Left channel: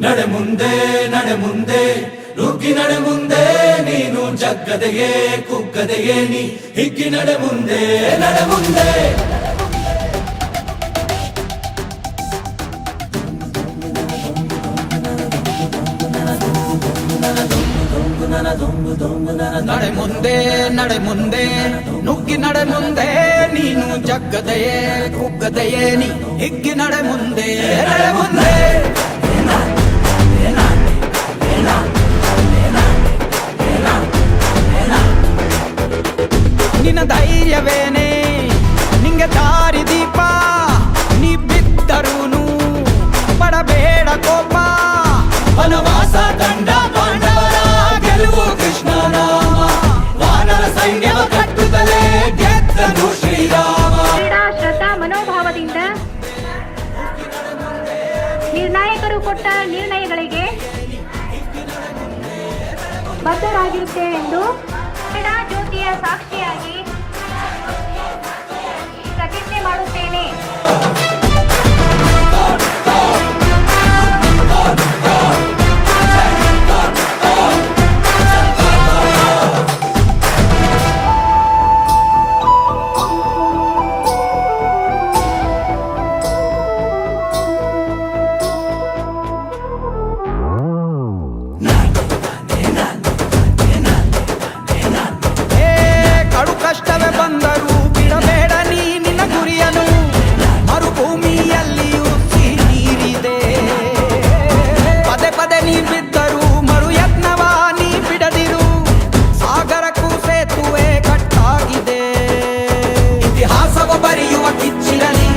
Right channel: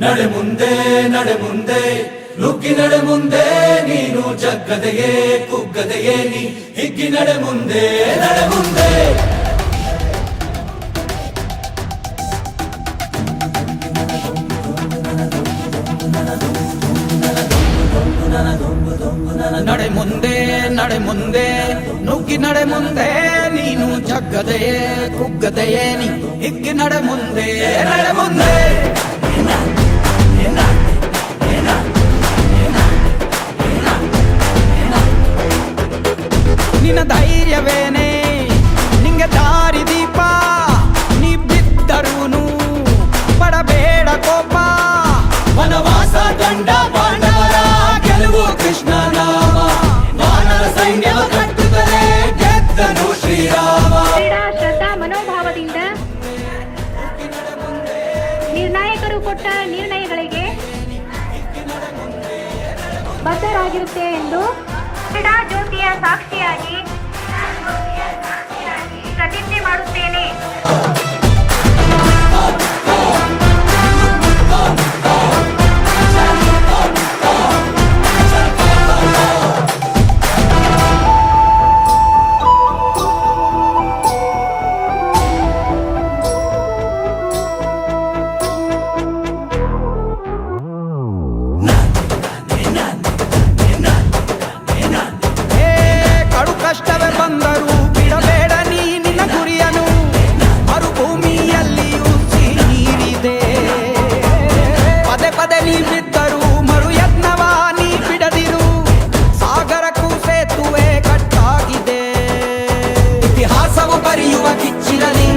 ನಡೆ ಮುಂದೆ ನಡೆ ಮುಂದೆ ನುಗ್ಗಿ ನಡೆ ಮುಂದೆ ನೀನು ಜಗ್ಗದೆಯೇ ಕುಗ್ಗದೆಯೇ ನೀ ಹಿಗ್ಗಿ ನಡೆ ಮುಂದೆ ನಡೆ ಮುಂದೆ ನಡೆ ಮುಂದೆ ನಡೆ ಮುಂದೆ ನುಗ್ಗಿ ನಡೆ ಮುಂದೆ ನೀನು ಜಗ್ಗದೆಯೇ ಕುಗ್ಗದೆಯೇ ನೀ ಹಿಗ್ಗಿ ನಡೆ ಮುಂದೆ ನಡೆ ಮುಂದೆ ನಿನ್ನ ಧೈರ್ಯವೇನೆ ನಿಂಗೆ ದಾರಿ ದೀಪ ನೀ ಬಿದ್ದರೂನು ಪಡಬೇಡ ಕೋಪ ವನವಾಸ ಕಂಡ ಪಾಂಡವರ ಗೆಲುವು ಕೃಷ್ಣ ನಾಮ ವಾನರ ಸೈನ್ಯವ ಕಟ್ಟುತ್ತಲೇ ಗೆದ್ದನು ಶ್ರೀರಾಮ. ಕ್ರೀಡಾ ಶ್ರದ್ಧಾ ಮನೋಭಾವದಿಂದ ನಿರ್ಣಾಯಕರು ಕೊಟ್ಟ ನಿರ್ಣಯಗಳಿಗೆ ಬದ್ಧರಾಗಿರುತ್ತೇವೆ ಎಂದು ಕ್ರೀಡಾ ಜ್ಯೋತಿಯ ಸಾಕ್ಷಿಯಾಗಿ ಪ್ರತಿಜ್ಞೆ ಮಾಡುತ್ತೇನೆ. ಕಷ್ಟವೇ ಬಂದರೂ ಬಿಡಬೇಡ ನೀ ನಿನ್ನ ಗುರಿಯನು ಮರುಭೂಮಿಯಲ್ಲಿಯೂ ಸಿಹಿ ನೀರಿದೆ ಪದೇ ಪದೇ ನೀ ಬಿದ್ದರೂ ಮರು ಯತ್ನವ ನೀ ಬಿಡದಿರು ಸಾಗರಕ್ಕೂ ಸೇತುವೆ ಕಟ್ಟಾಗಿದೆ ಇತಿಹಾಸವು ಬರೆಯುವ ಕಿಚ್ಚಿರಲಿ